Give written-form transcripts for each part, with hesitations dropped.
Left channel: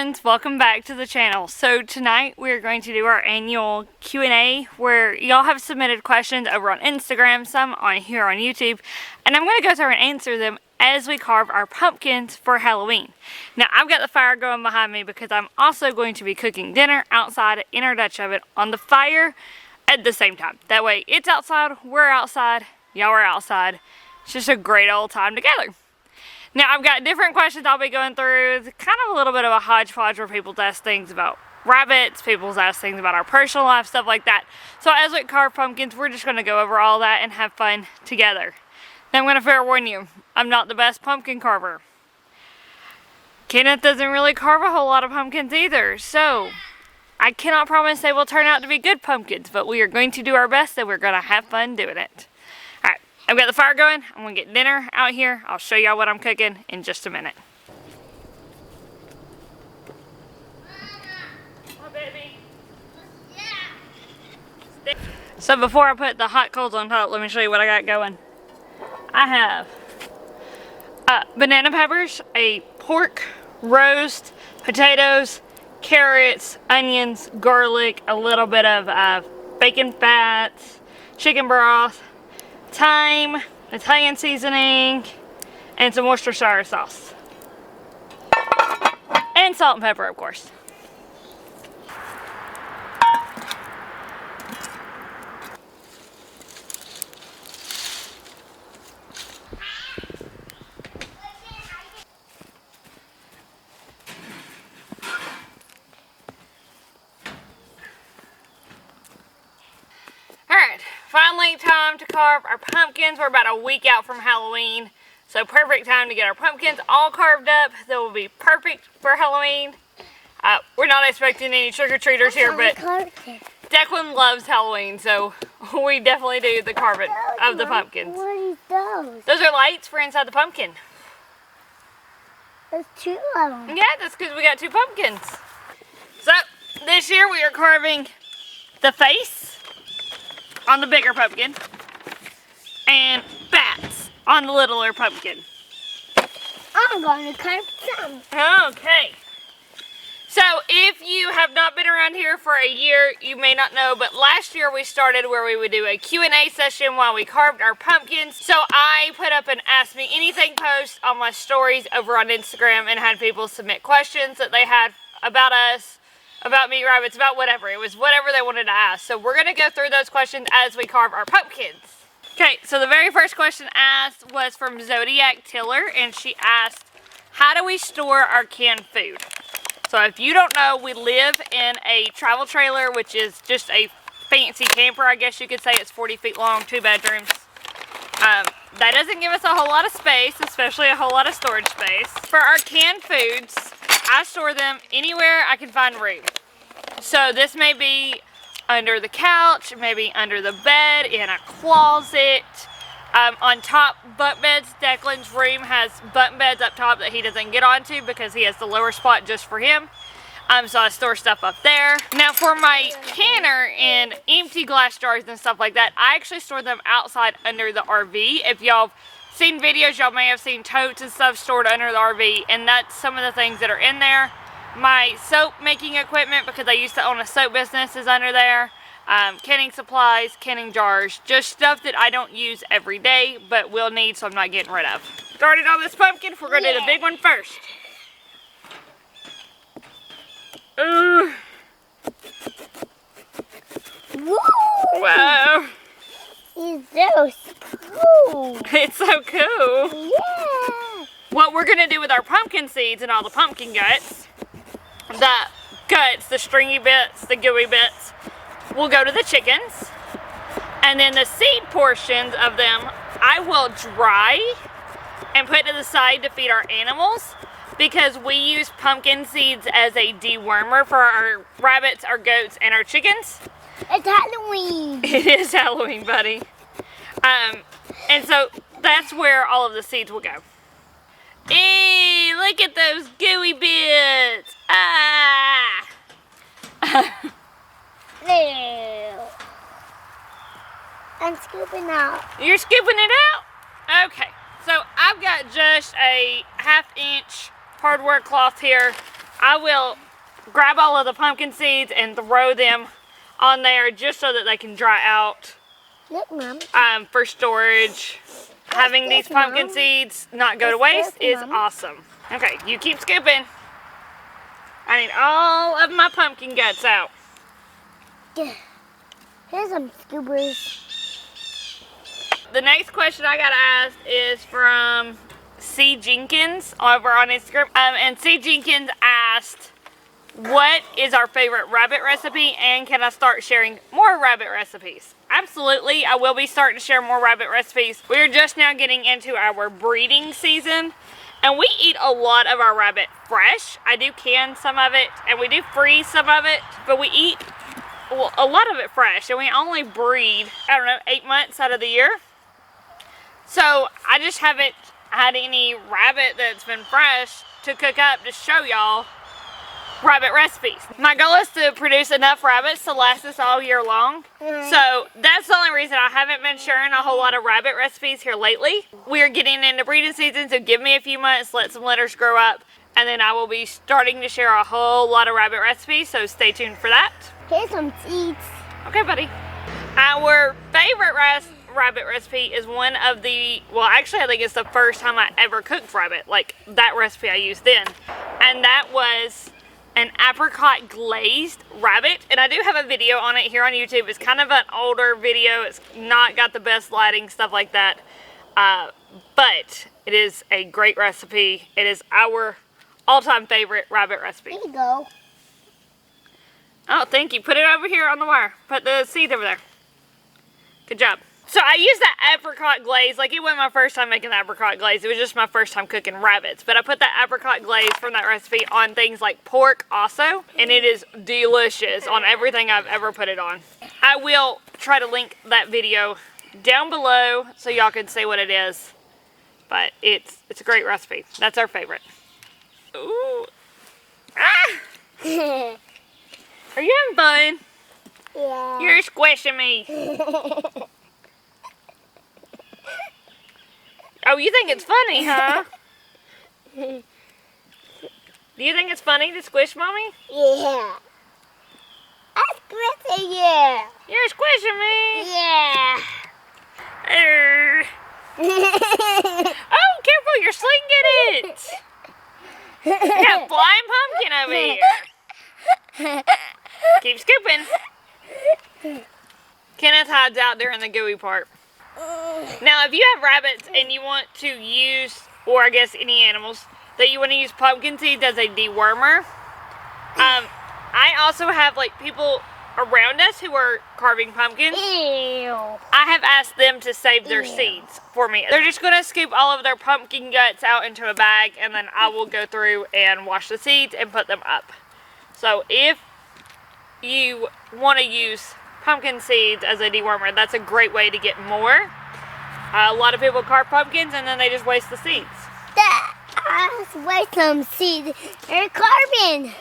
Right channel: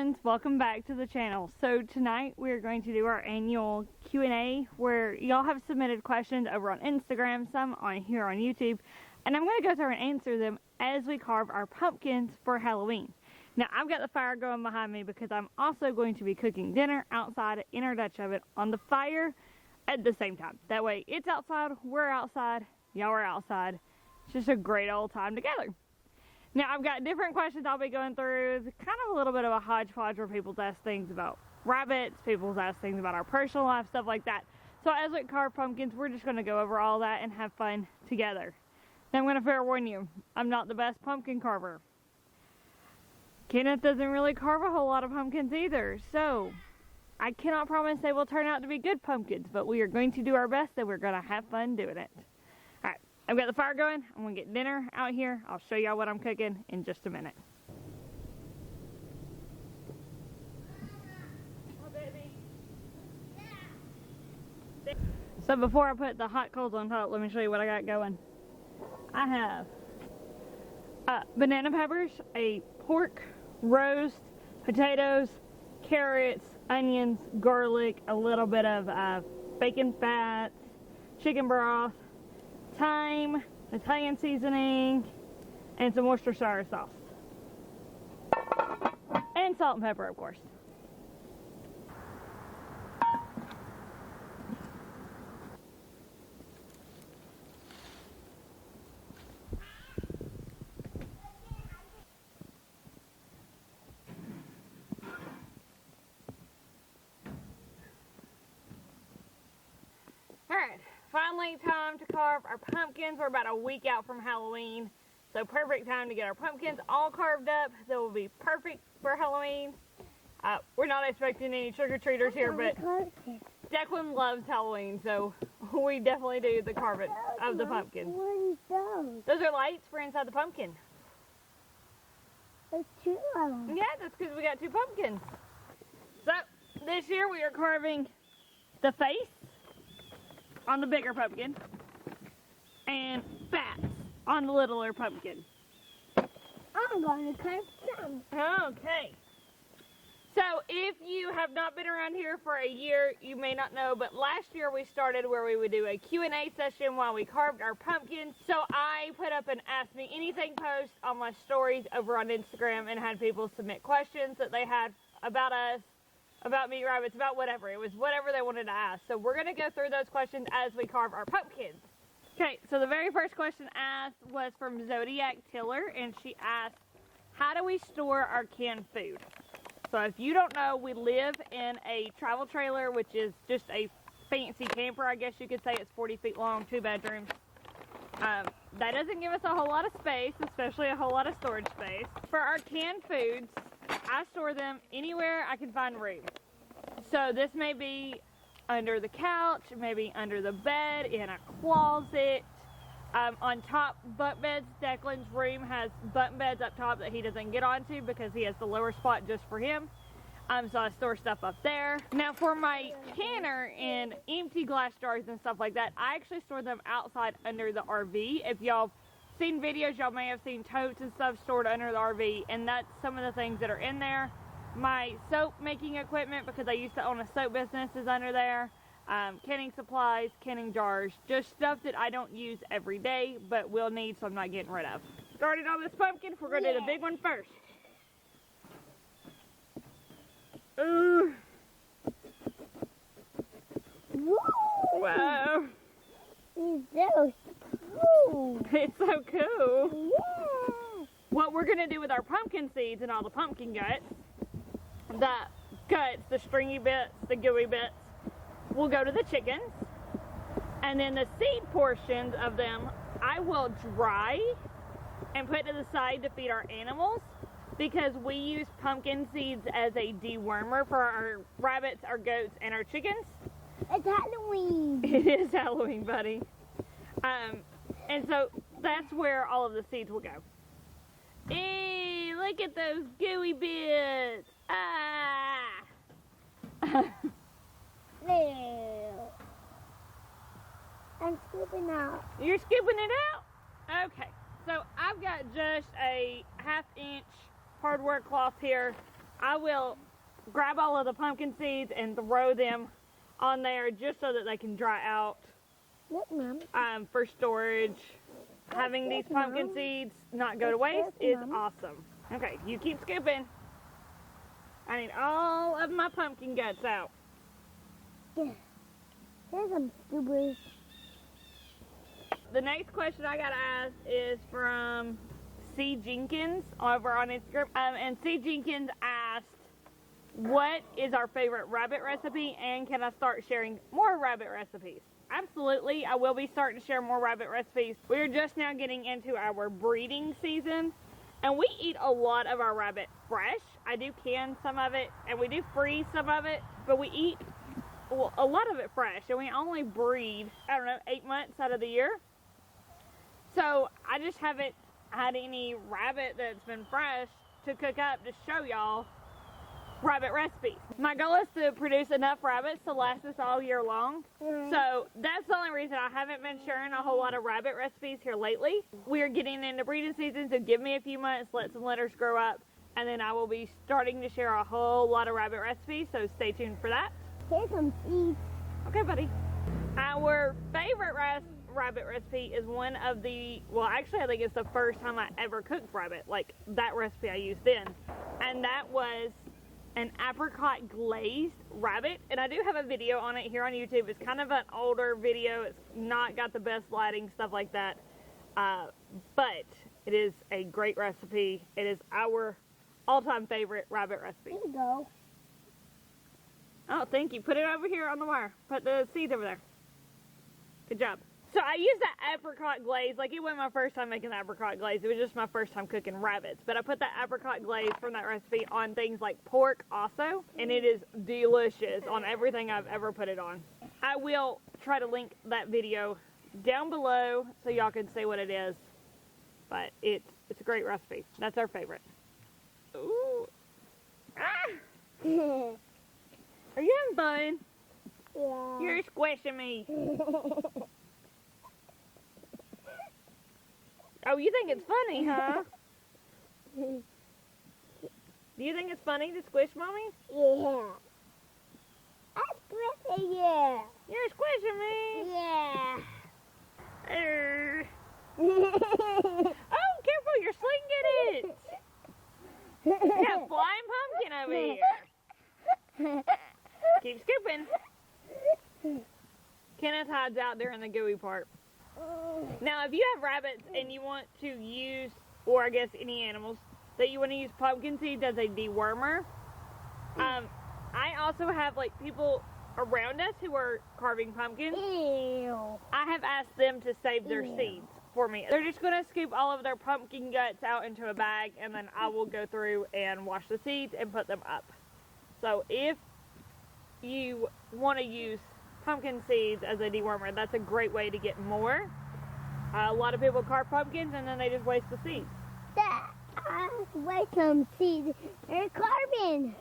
friends, welcome back to the channel. So tonight we're going to do our annual Q&A where y'all have submitted questions over on Instagram, some on here on YouTube, and I'm going to go through and answer them as we carve our pumpkins for Halloween. Now I've got the fire going behind me because I'm also going to be cooking dinner outside in our Dutch oven on the fire at the same time. That way it's outside, we're outside, y'all are outside. It's just a great old time together. Now, I've got different questions I'll be going through. It's kind of a little bit of a hodgepodge where people ask things about rabbits, people ask things about our personal life, stuff like that. So as we carve pumpkins, we're just going to go over all that and have fun together. Now, I'm going to fair warn you, I'm not the best pumpkin carver. Kenneth doesn't really carve a whole lot of pumpkins either, so I cannot promise they will turn out to be good pumpkins, but we are going to do our best and we're going to have fun doing it. All right. I've got the fire going. I'm going to get dinner out here. I'll show y'all what I'm cooking in just a minute. Oh, baby. Yeah. So before I put the hot coals on top, let me show you what I got going. I have banana peppers, a pork roast, potatoes, carrots, onions, garlic, a little bit of bacon fat, chicken broth, thyme, Italian seasoning, and some Worcestershire sauce. And salt and pepper, of course. Alright, finally time to carve our pumpkins. We're about a week out from Halloween, so perfect time to get our pumpkins all carved up. They will be perfect for Halloween. We're not expecting any trick-or-treaters here, but Declan loves Halloween, so we definitely do the carving of the pumpkins. What are those? Those are lights for inside the pumpkin. There's two of them. Yeah, that's because we got two pumpkins. So, this year we are carving the face on the bigger pumpkin and bats on the littler pumpkin. I'm going to carve some. Okay. So if you have not been around here for a year, you may not know, but last year we started where we would do a Q&A session while we carved our pumpkins. So I put up an Ask Me Anything post on my stories over on Instagram and had people submit questions that they had about us, about meat rabbits, about whatever. It was whatever they wanted to ask. So we're going to go through those questions as we carve our pumpkins. Okay, so the very first question asked was from Zodiac Tiller, and she asked, how do we store our canned food? So if you don't know, we live in a travel trailer, which is just a fancy camper, I guess you could say. It's 40 feet long, 2 bedrooms. That doesn't give us a whole lot of space, especially a whole lot of storage space. For our canned foods, I store them anywhere I can find room. So this may be under the couch, maybe under the bed, in a closet, on top bunk beds. Declan's room has bunk beds up top that he doesn't get onto because he has the lower spot just for him. So I store stuff up there. Now for my canner and empty glass jars and stuff like that, I actually store them outside under the RV. If y'all seen videos, y'all may have seen totes and stuff stored under the RV, and that's some of the things that are in there. My soap making equipment, because I used to own a soap business, is under there. Canning supplies, canning jars, just stuff that I don't use every day but will need, so I'm not getting rid of. Started on this pumpkin, we're going to do the big one first. Ooh. Woo! Wow. It's so cool. It's so cool. Yeah. What we're going to do with our pumpkin seeds and all the pumpkin guts, the stringy bits, the gooey bits, will go to the chickens. And then the seed portions of them, I will dry and put to the side to feed our animals, because we use pumpkin seeds as a dewormer for our rabbits, our goats, and our chickens. It's Halloween. It is Halloween, buddy. And so that's where all of the seeds will go. Hey, look at those gooey bits. Ah! There. I'm scooping out. You're scooping it out? Okay. So I've got just a 1/2 inch hardware cloth here I will grab all of the pumpkin seeds and throw them on there just so that they can dry out Look, Mom. for storage. Having these pumpkin Mom. seeds not go to waste is Mom. awesome. Okay, you keep scooping. I need all of my pumpkin guts out. Here's some scoopers. The next question I got asked is from C. Jenkins over on Instagram. And C. Jenkins asked, what is our favorite rabbit recipe, and can I start sharing more rabbit recipes? Absolutely, I will be starting to share more rabbit recipes. We are just now getting into our breeding season, and we eat a lot of our rabbit fresh. I do can some of it, and we do freeze some of it, but we eat a lot of it fresh, and we only breed, I don't know, 8 months out of the year. So I just haven't had any rabbit that's been fresh to cook up to show y'all rabbit recipes. My goal is to produce enough rabbits to last us all year long. So that's the only reason I haven't been sharing a whole lot of rabbit recipes here lately. We are getting into breeding season, so give me a few months, let some litters grow up, and then I will be starting to share a whole lot of rabbit recipes, so stay tuned for that. Here's some seeds. Okay, buddy. Our favorite rabbit recipe is one of the, well, actually I think it's the first time I ever cooked rabbit, like that recipe I used then, and that was an apricot glazed rabbit, and I do have a video on it here on YouTube. It's kind of an older video. It's not got the best lighting, stuff like that, but it is a great recipe. It is our all-time favorite rabbit recipe. Here you go. Oh, thank you. Put it over here on the wire. Put the seeds over there. Good job. So I used that apricot glaze, like it wasn't my first time making the apricot glaze, it was just my first time cooking rabbits. But I put that apricot glaze from that recipe on things like pork also, and it is delicious on everything I've ever put it on. I will try to link that video down below so y'all can see what it is. But it's a great recipe. That's our favorite. Ooh. Ah! Are you having fun? Yeah. You're squishing me. Oh, you think it's funny, huh? Do you think it's funny to squish Mommy? Yeah. I'm squishing you. You're squishing me. Yeah. Oh, careful, you're slinging it. You got flying pumpkin over here. Keep scooping. Kenneth hides out during the gooey part. Now, if you have rabbits and you want to use, or I guess any animals, that you want to use pumpkin seeds as a dewormer, I also have like people around us who are carving pumpkins. Ew. I have asked them to save their seeds for me. They're just going to scoop all of their pumpkin guts out into a bag, and then I will go through and wash the seeds and put them up. So if you want to use pumpkin seeds as a dewormer, that's a great way to get more. A lot of people carve pumpkins and then they just waste the seeds. Let's waste some seeds. They're carving.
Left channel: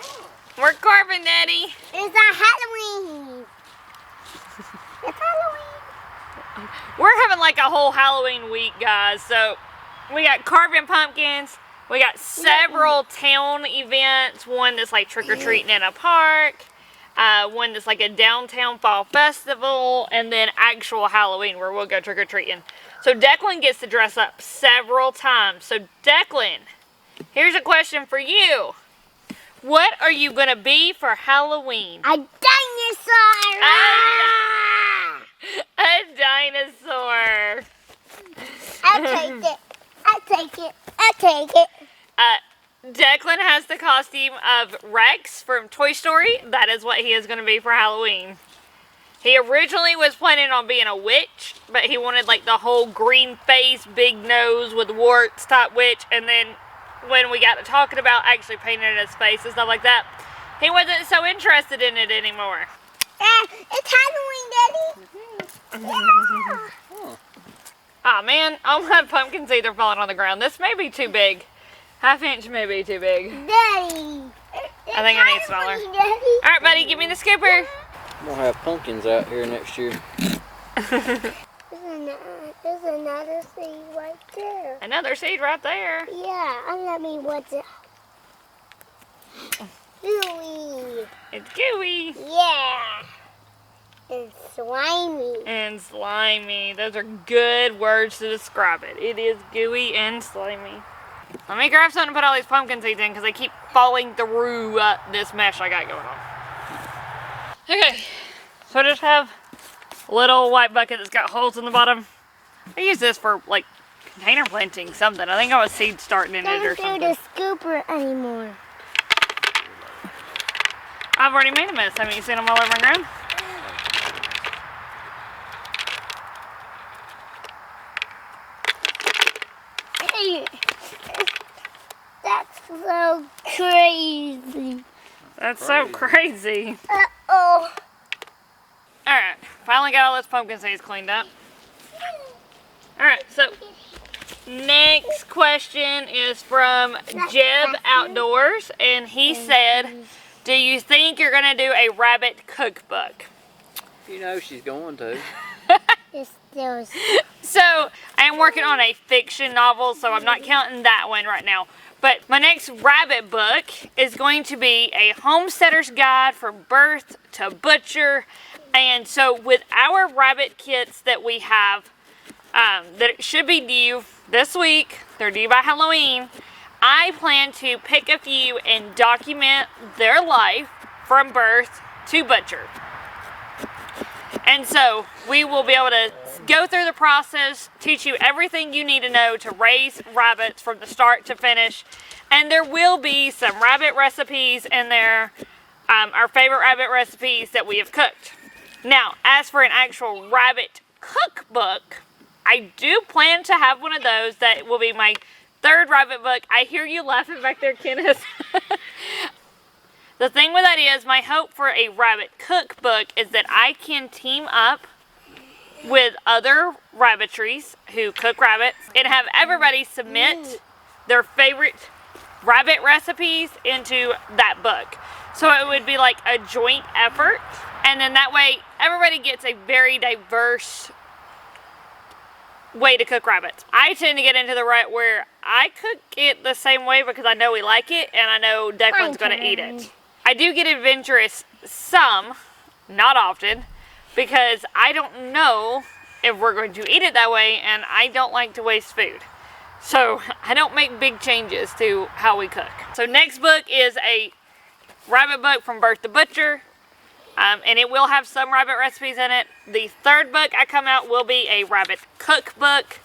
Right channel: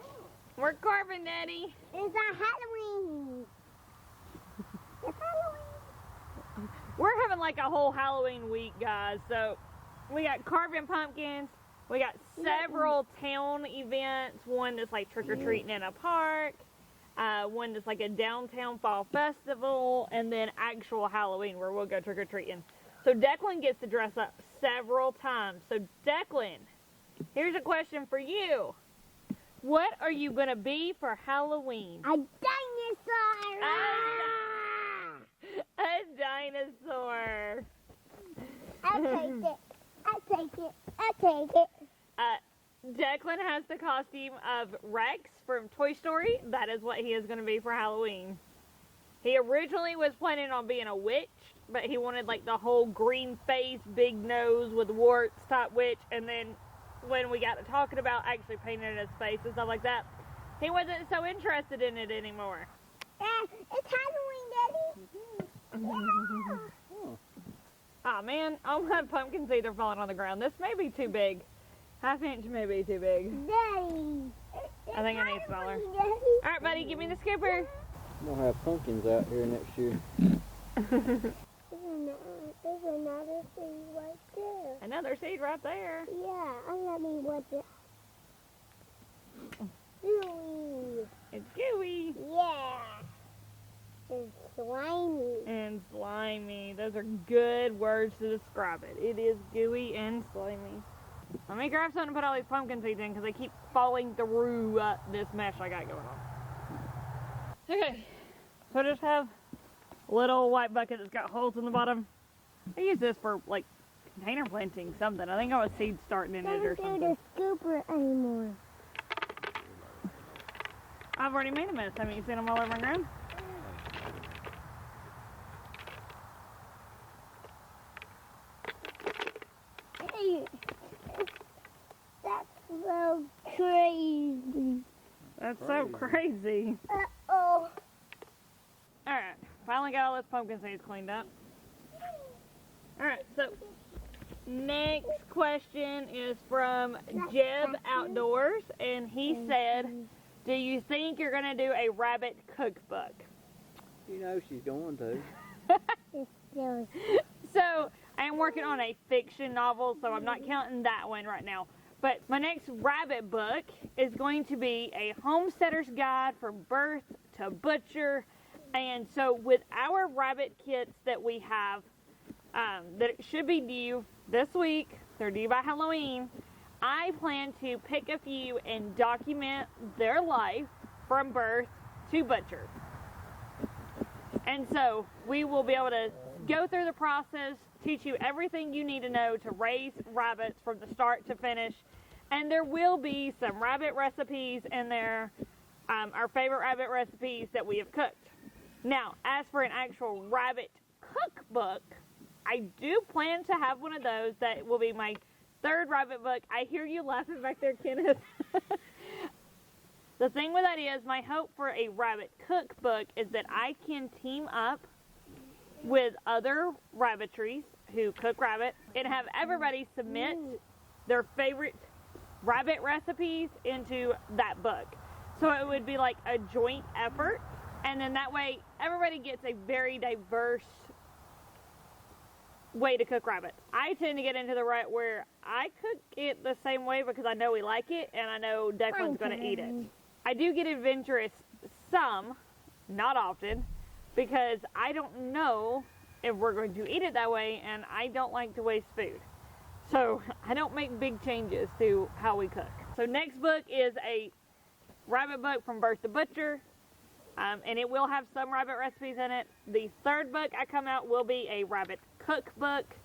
We're carving, Daddy. It's a Halloween. It's Halloween. We're having like a whole Halloween week, guys. So we got carving pumpkins. We got several town events. One that's like trick-or-treating in a park. One that's like a downtown fall festival, and then actual Halloween where we'll go trick-or-treating. So Declan gets to dress up several times. So Declan, here's a question for you. What are you going to be for Halloween? A dinosaur! A dinosaur. I'll take it. I'll take it. I'll take it. Declan has the costume of Rex from Toy Story. That is what he is going to be for Halloween. He originally was planning on being a witch, but he wanted like the whole green face, big nose with warts type witch. And then when we got to talking about actually painting his face and stuff like that, he wasn't so interested in it anymore. It's Halloween, Daddy. Yeah. Oh man, all my pumpkin seeds are falling on the ground. This may be too big. Half inch may be too big. Daddy. I think I need smaller. All right, buddy, give me the scooper. We'll have pumpkins out here next year. There's another seed right there. Another seed right there. Yeah, and let me watch it. Gooey. It's gooey. Yeah. And slimy. And slimy. Those are good words to describe it. It is gooey and slimy. Let me grab something to put all these pumpkin seeds in because they keep falling through this mesh I got going on. Okay, so I just have a little white bucket that's got holes in the bottom. I use this for like container planting something. I think I was seed starting in it or something. Don't do the scooper anymore. I've already made a mess. Haven't you seen them all over my ground? Hey, that's so crazy. That's so crazy. Uh-oh. Alright, finally got all those pumpkin seeds cleaned up. Alright, so next question is from Jeb Outdoors, and he said, do you think you're going to do a rabbit cookbook? You know she's going to. It's still. So, I am working on a fiction novel, so I'm not counting that one right now. But my next rabbit book is going to be a homesteader's guide from birth to butcher. And so with our rabbit kits that we have, that should be due this week, they're due by Halloween, I plan to pick a few and document their life from birth to butcher. And so we will be able to go through the process, teach you everything you need to know to raise rabbits from the start to finish. And there will be some rabbit recipes in there, our favorite rabbit recipes that we have cooked. Now, as for an actual rabbit cookbook, I do plan to have one of those. That will be my third rabbit book. I hear you laughing back there, Kenneth. The thing with that is, my hope for a rabbit cookbook is that I can team up with other rabbitries who cook rabbits and have everybody submit their favorite rabbit recipes into that book. So it would be like a joint effort, and then that way everybody gets a very diverse way to cook rabbits. I tend to get into the rut where I cook it the same way because I know we like it and I know Declan's going to eat it. I do get adventurous some, not often, because I don't know if we're going to eat it that way, and I don't like to waste food. So I don't make big changes to how we cook. So next book is a rabbit book from birth to butcher, and it will have some rabbit recipes in it. The third book I come out will be a rabbit cookbook,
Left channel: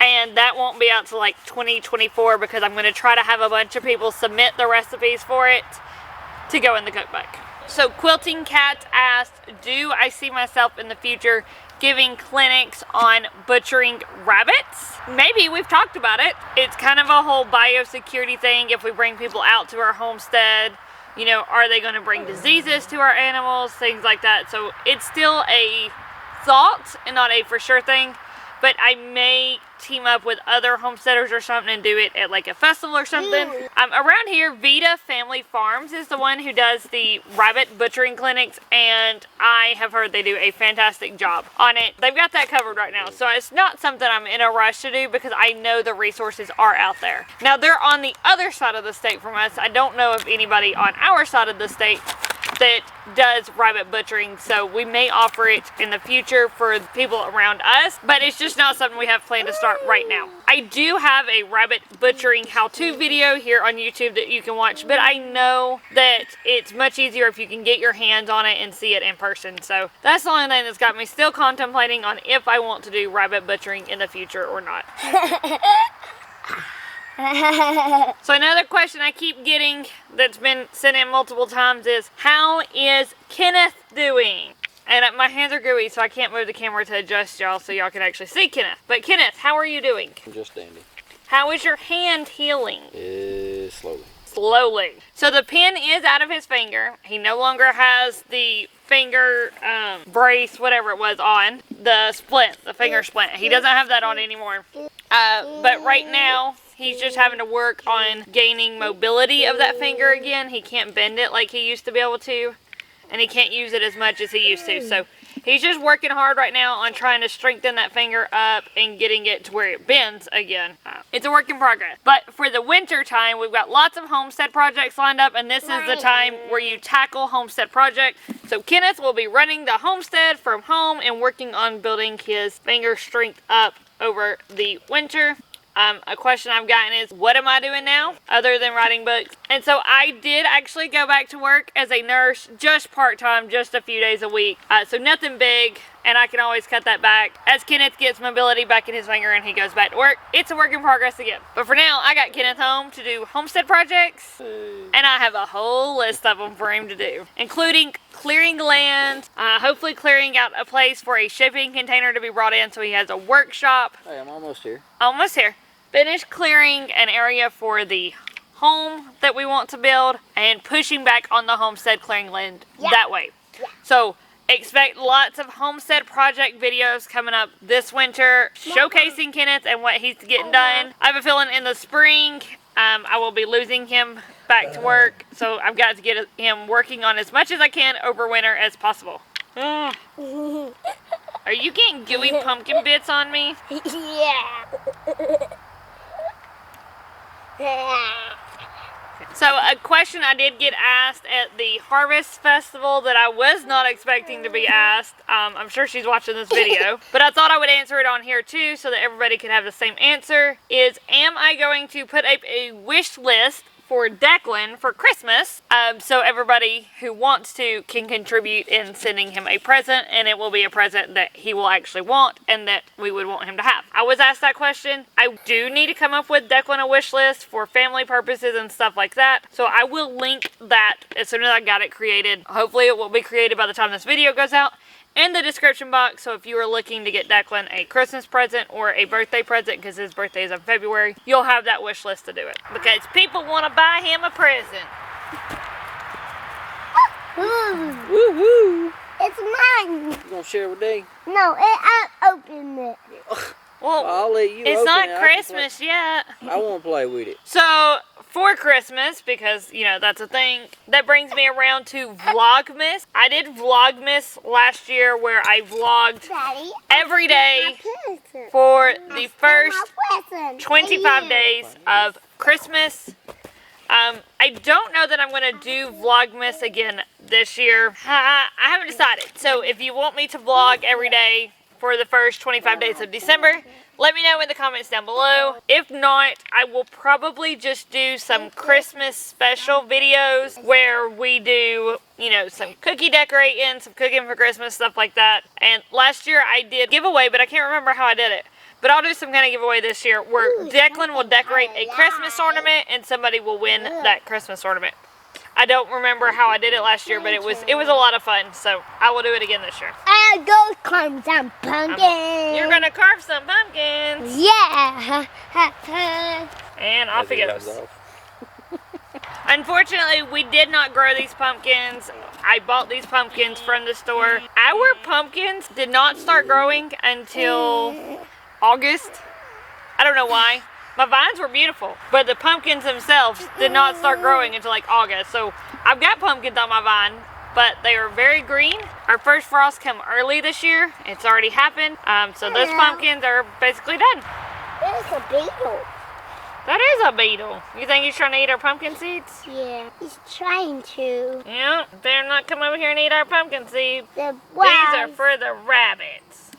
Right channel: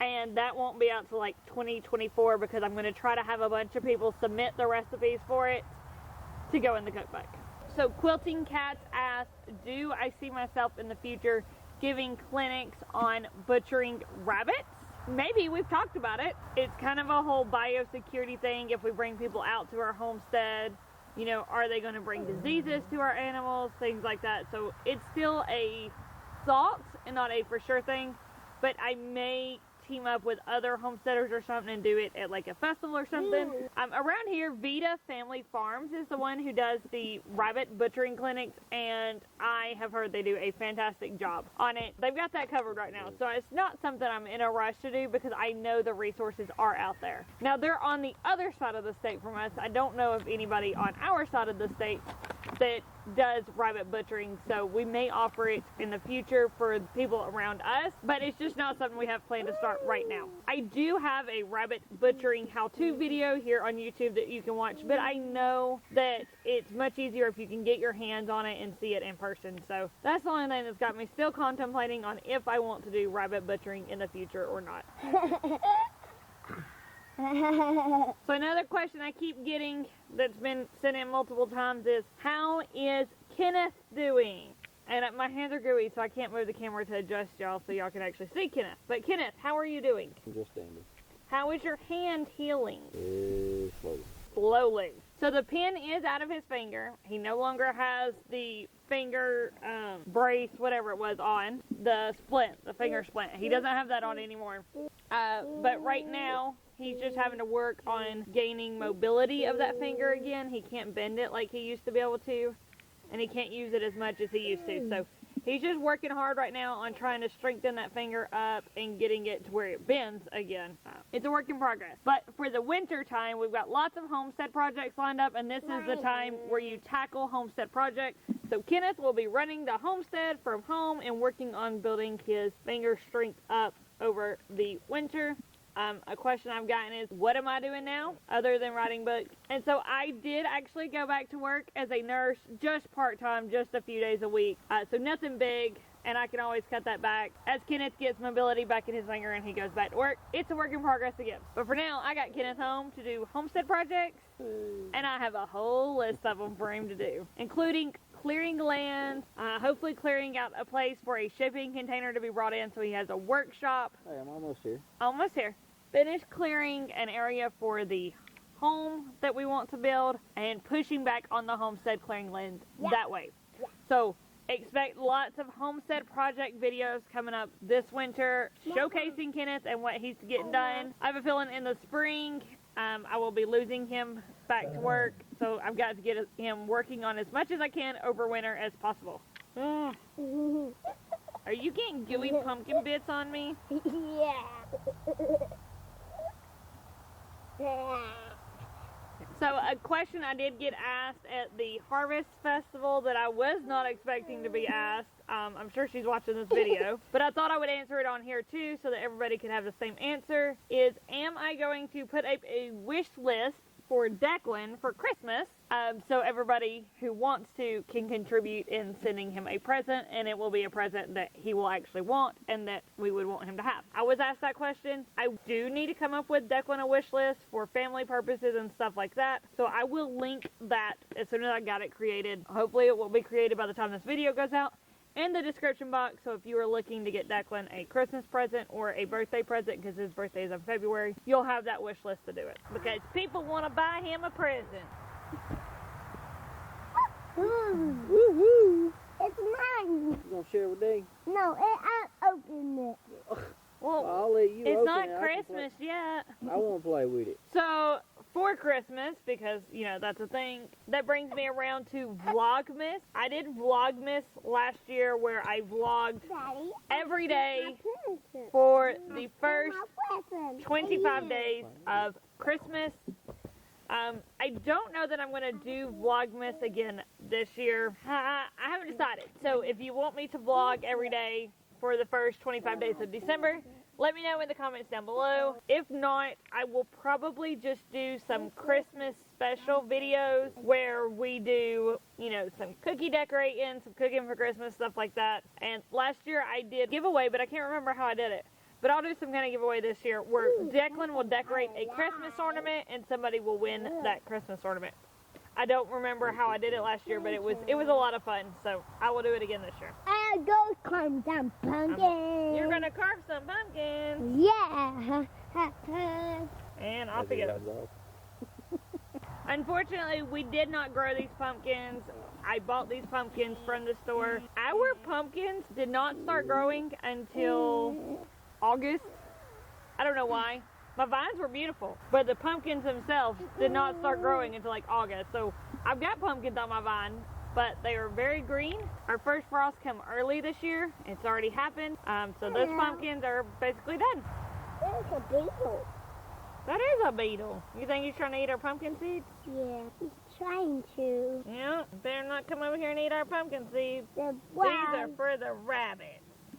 and that won't be out till like 2024 because I'm going to try to have a bunch of people submit the recipes for it to go in the cookbook. So Quilting Cat asked, do I see myself in the future giving clinics on butchering rabbits? Maybe. We've talked about it. It's kind of a whole biosecurity thing. If we bring people out to our homestead, you know, are they going to bring diseases to our animals, things like that. So it's still a thought and not a for sure thing, but I may team up with other homesteaders or something and do it at like a festival or something. Around here, Vita Family Farms is the one who does the rabbit butchering clinics, and I have heard they do a fantastic job on it. They've got that covered right now, so it's not something I'm in a rush to do because I know the resources are out there. Now, they're on the other side of the state from us. I don't know of anybody on our side of the state that does rabbit butchering, so we may offer it in the future for people around us, but it's just not something we have planned to start right now. I do have a rabbit butchering how-to video here on YouTube that you can watch, but I know that it's much easier if you can get your hands on it and see it in person. So that's the only thing that's got me still contemplating on if I want to do rabbit butchering in the future or not. So another question I keep getting that's been sent in multiple times is, how is Kenneth doing? And my hands are gooey, so I can't move the camera to adjust y'all so y'all can actually see Kenneth. But Kenneth, how are you doing? Just dandy. How is your hand healing? Slowly. Slowly. So the pin is out of his finger. He no longer has the finger brace, whatever it was, on. The splint, the finger splint. He doesn't have that on anymore. But right now, he's just having to work on gaining mobility of that finger again. He can't bend it like he used to be able to, and he can't use it as much as he used to. So He's just working hard right now on trying to strengthen that finger up and getting it to where it bends again. It's a work in progress. But for the winter time, we've got lots of homestead projects lined up, and this is the time where you tackle homestead projects. So Kenneth will be running the homestead from home and working on building his finger strength up over the winter. A question I've gotten is, what am I doing now other than writing books? And so I did actually go back to work as a nurse, just part-time, just a few days a week. So nothing big, and I can always cut that back as Kenneth gets mobility back in his finger and he goes back to work. It's a work in progress again. But for now, I got Kenneth home to do homestead projects, and I have a whole list of them for him to do, including clearing land, hopefully clearing out a place for a shipping container to be brought in so he has a workshop. Hey, I'm almost here. Almost here. Finish clearing an area for the home that we want to build and pushing back on the homestead clearing land that way. Yeah. So expect lots of homestead project videos coming up this winter, showcasing Kenneth and what he's getting done. I have a feeling in the spring I will be losing him back to work, so I've got to get him working on as much as I can over winter as possible. Are you getting gooey pumpkin bits on me? So a question I did get asked at the Harvest Festival that I was not expecting to be asked, I'm sure she's watching this video, but I thought I would answer it on here too so that everybody could have the same answer, is am I going to put up a wish list for Declan for Christmas, so everybody who wants to can contribute in sending him a present, and it will be a present that he will actually want and that we would want him to have. I was asked that question. I do need to come up with Declan a wish list for family purposes and stuff like that, so I will link that as soon as I got it created. Hopefully it will be created by the time this video goes out, in the description box. So if you are looking to get Declan a Christmas present or a birthday present, because his birthday is in February, you'll have that wish list to do it, because people want to buy him a present. Woo-woo. It's mine. You gonna share with Dee? No, I opened it. Well, I'll let you it's open not it. Christmas yet. I won't play with it. So for Christmas, because you know that's a thing, that brings me around to Vlogmas. I did Vlogmas last year where I vlogged Daddy, every day present. for the first My present. 25 days of Christmas. I don't know that I'm going to do Vlogmas again this year. I haven't decided. So if you want me to vlog every day for the first 25 days of December, let me know in the comments down below. If not, I will probably just do some Christmas special videos where we do, you know, some cookie decorating, some cooking for Christmas, stuff like that. And last year I did giveaway, but I can't remember how I did it. But I'll do some kind of giveaway this year where Declan will decorate a Christmas ornament and somebody will win that Christmas ornament. I don't remember how I did it last year, but it was a lot of fun, so I will do it again this year. I'll go carve some pumpkins. You're gonna carve some pumpkins. Yeah. And off he goes. Unfortunately, we did not grow these pumpkins. I bought these pumpkins from the store. Our pumpkins did not start growing until August. I don't know why. My vines were beautiful, but the pumpkins themselves did not start growing until like August. So I've got pumpkins on my vine, but they are very green. Our first frost came early this year. It's already happened. So those pumpkins are basically done. There's a beetle. That is a beetle. You think he's trying to eat our pumpkin seeds? Yeah, he's trying to. Yeah, better not come over here and eat our pumpkin seeds. The These are for the rabbits.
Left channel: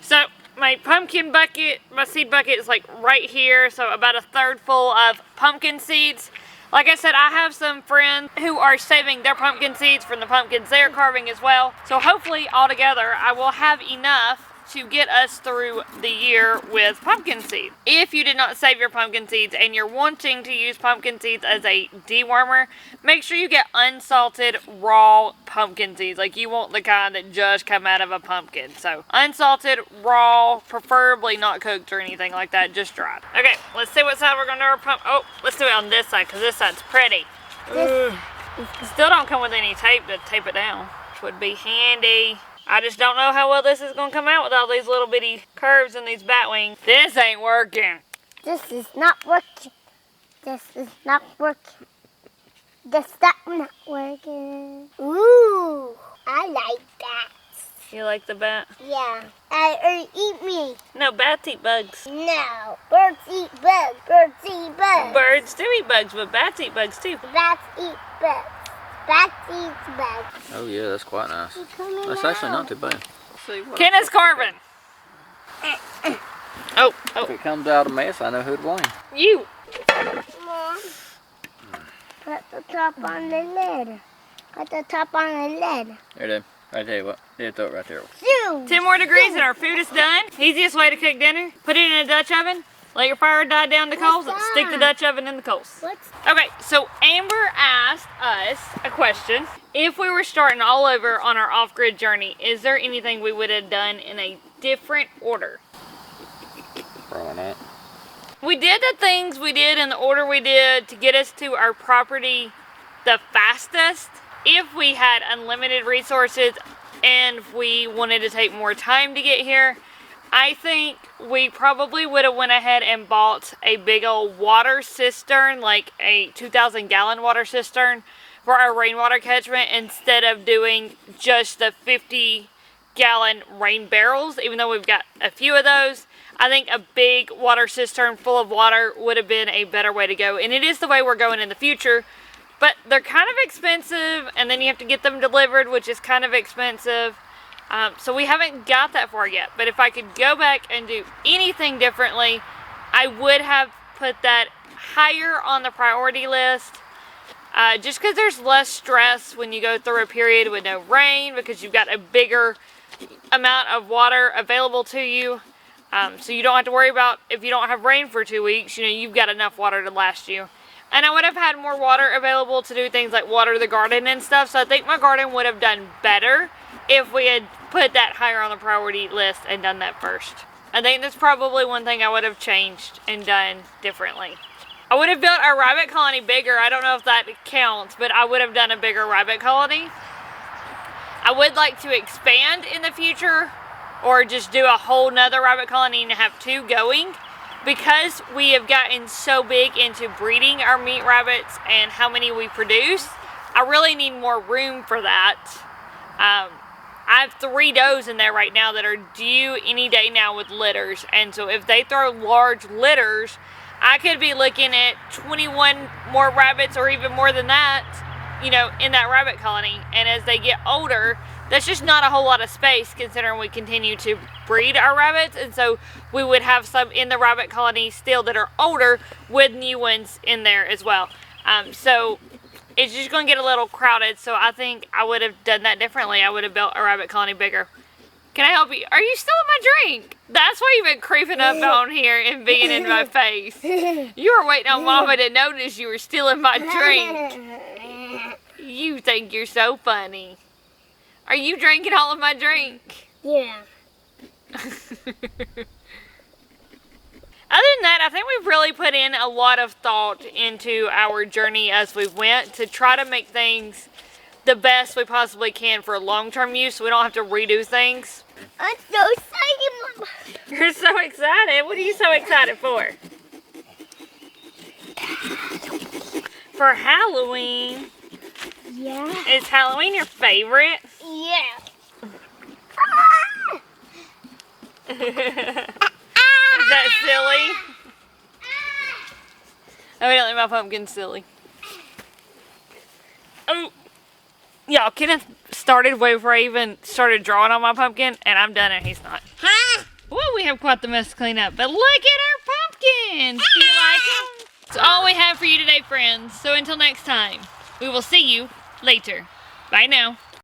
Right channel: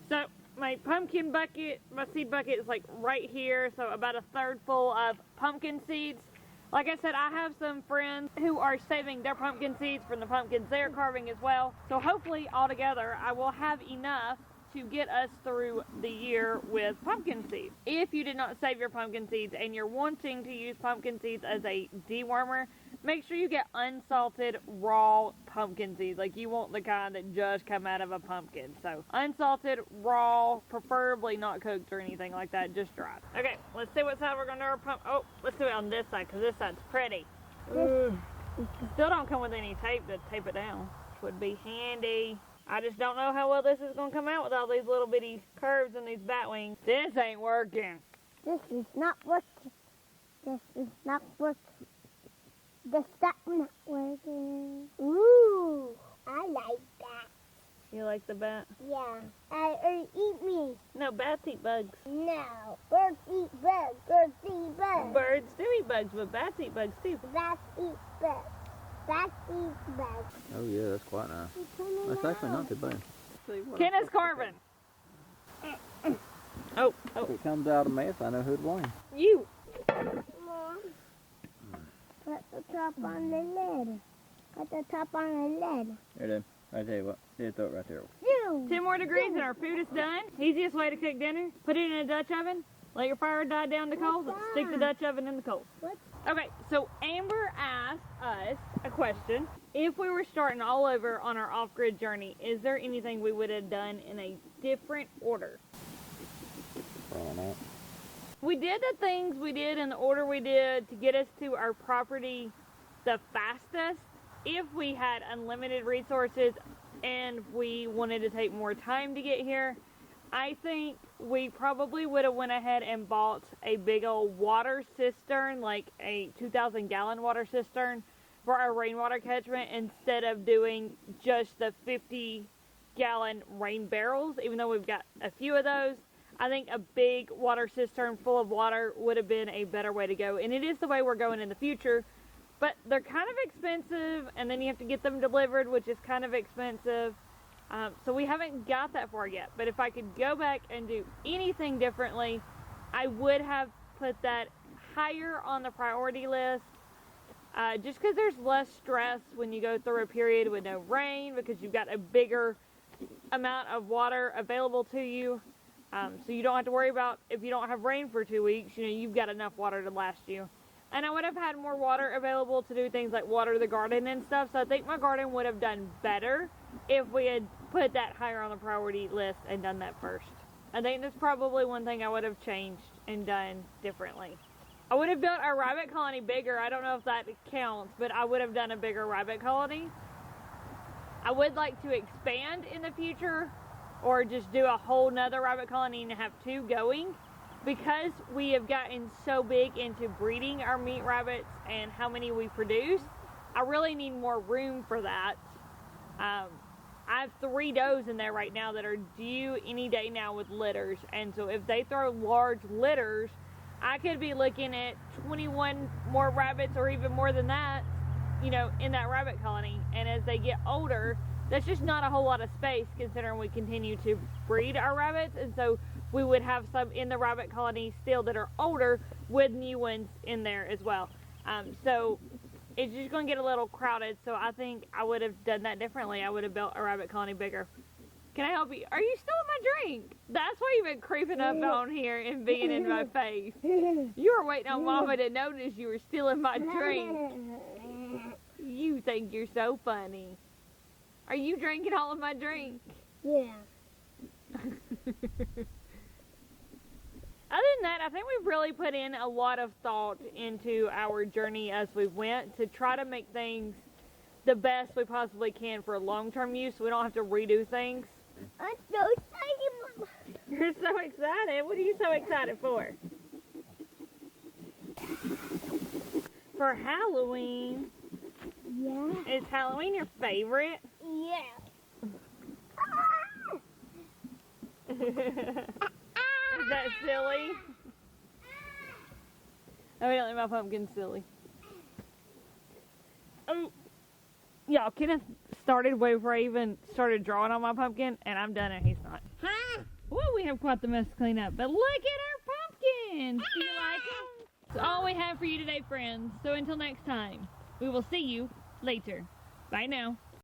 So my pumpkin bucket, my seed bucket is like right here, so about a third full of pumpkin seeds. Like I said, I have some friends who are saving their pumpkin seeds from the pumpkins they're carving as well. So hopefully all together I will have enough to get us through the year with pumpkin seeds. If you did not save your pumpkin seeds and you're wanting to use pumpkin seeds as a dewormer, make sure you get unsalted raw pumpkin seeds. Like you want the kind that just come out of a pumpkin. So unsalted, raw, preferably not cooked or anything like that, just dried. Okay, let's see what side we're gonna do our pumpkin. Oh, let's do it on this side because this side's pretty. Still don't come with any tape to tape it down, which would be handy. I just don't know how well this is going to come out with all these little bitty curves and these bat wings. This ain't working. This is not working. This is not working. This is not working. Ooh, I like that. You like the bat? Yeah. Or eat me. No, bats eat bugs. No. Birds eat bugs. Birds eat bugs. Birds do eat bugs, but bats eat bugs too. Bats eat bugs. Bats eat bugs. Oh yeah, that's quite nice. It's coming That's actually not too bad. See what Kenneth's carving. Oh, If it comes out a mess, I know who to blame. you. Mom, put the top on the lid. Put the top on the lid. There, Dad. I tell you what. Yeah, throw it right there. Zoom. 10 more degrees and our food is done. Easiest way to cook dinner, put it in a Dutch oven, let your fire die down to coals, and stick the Dutch oven in the coals. What's Okay, so Amber asked us a question. If we were starting all over on our off-grid journey, is there anything we would have done in a different order? Probably not. We did the things we did in the order we did to get us to our property the fastest. If we had unlimited resources and we wanted to take more time to get here, I think we probably would have went ahead and bought a big old water cistern, like a 2,000 gallon water cistern for our rainwater catchment instead of doing just the 50 gallon rain barrels, even though we've got a few of those. I think a big water cistern full of water would have been a better way to go. And it is the way we're going in the future, but they're kind of expensive, and then you have to get them delivered, which is kind of expensive. So we haven't got that far yet. But if I could go back and do anything differently, I would have put that higher on the priority list. Just because there's less stress when you go through a period with no rain, because you've got a bigger amount of water available to you. So you don't have to worry about if you don't have rain for 2 weeks, you know, you've got enough water to last you. And I would have had more water available to do things like water the garden and stuff. So I think my garden would have done better if we had put that higher on the priority list and done that first. I think that's probably one thing I would have changed and done differently. I would have built our rabbit colony bigger. I don't know if that counts, but I would have done a bigger rabbit colony. I would like to expand in the future, or just do a whole nother rabbit colony and have 2 going. Because we have gotten so big into breeding our meat rabbits and how many we produce, I really need more room for that. I have 3 does in there right now that are due any day now with litters. And so if they throw large litters, I could be looking at 21 more rabbits or even more than that, you know, in that rabbit colony. And as they get older, that's just not a whole lot of space considering we continue to breed our rabbits. And so we would have some in the rabbit colony still that are older with new ones in there as well. So it's just going to get a little crowded. So I think I would have done that differently. I would have built a rabbit colony bigger. Can I help you? Are you still in my drink? That's why you've been creeping up on here and being in my face. You were waiting on Mama to notice you were still in my drink. You think you're so funny. Are you drinking all of my drink? Yeah. Other than that, I think we've really put in a lot of thought into our journey as we went to try to make things the best we possibly can for long-term use so we don't have to redo things. I'm so excited, Mama. You're so excited. What are you so excited for? For Halloween. Yeah. Is Halloween your favorite? Yeah. Is that silly? Evidently my pumpkin's silly. Oh, y'all, Kenneth started way before I even started drawing on my pumpkin, and I'm done and he's not. Well, we have quite the mess to clean up, but look at our pumpkins! Do you like them? That's all we have for you today, friends. So until next time, we will see you later. Bye now.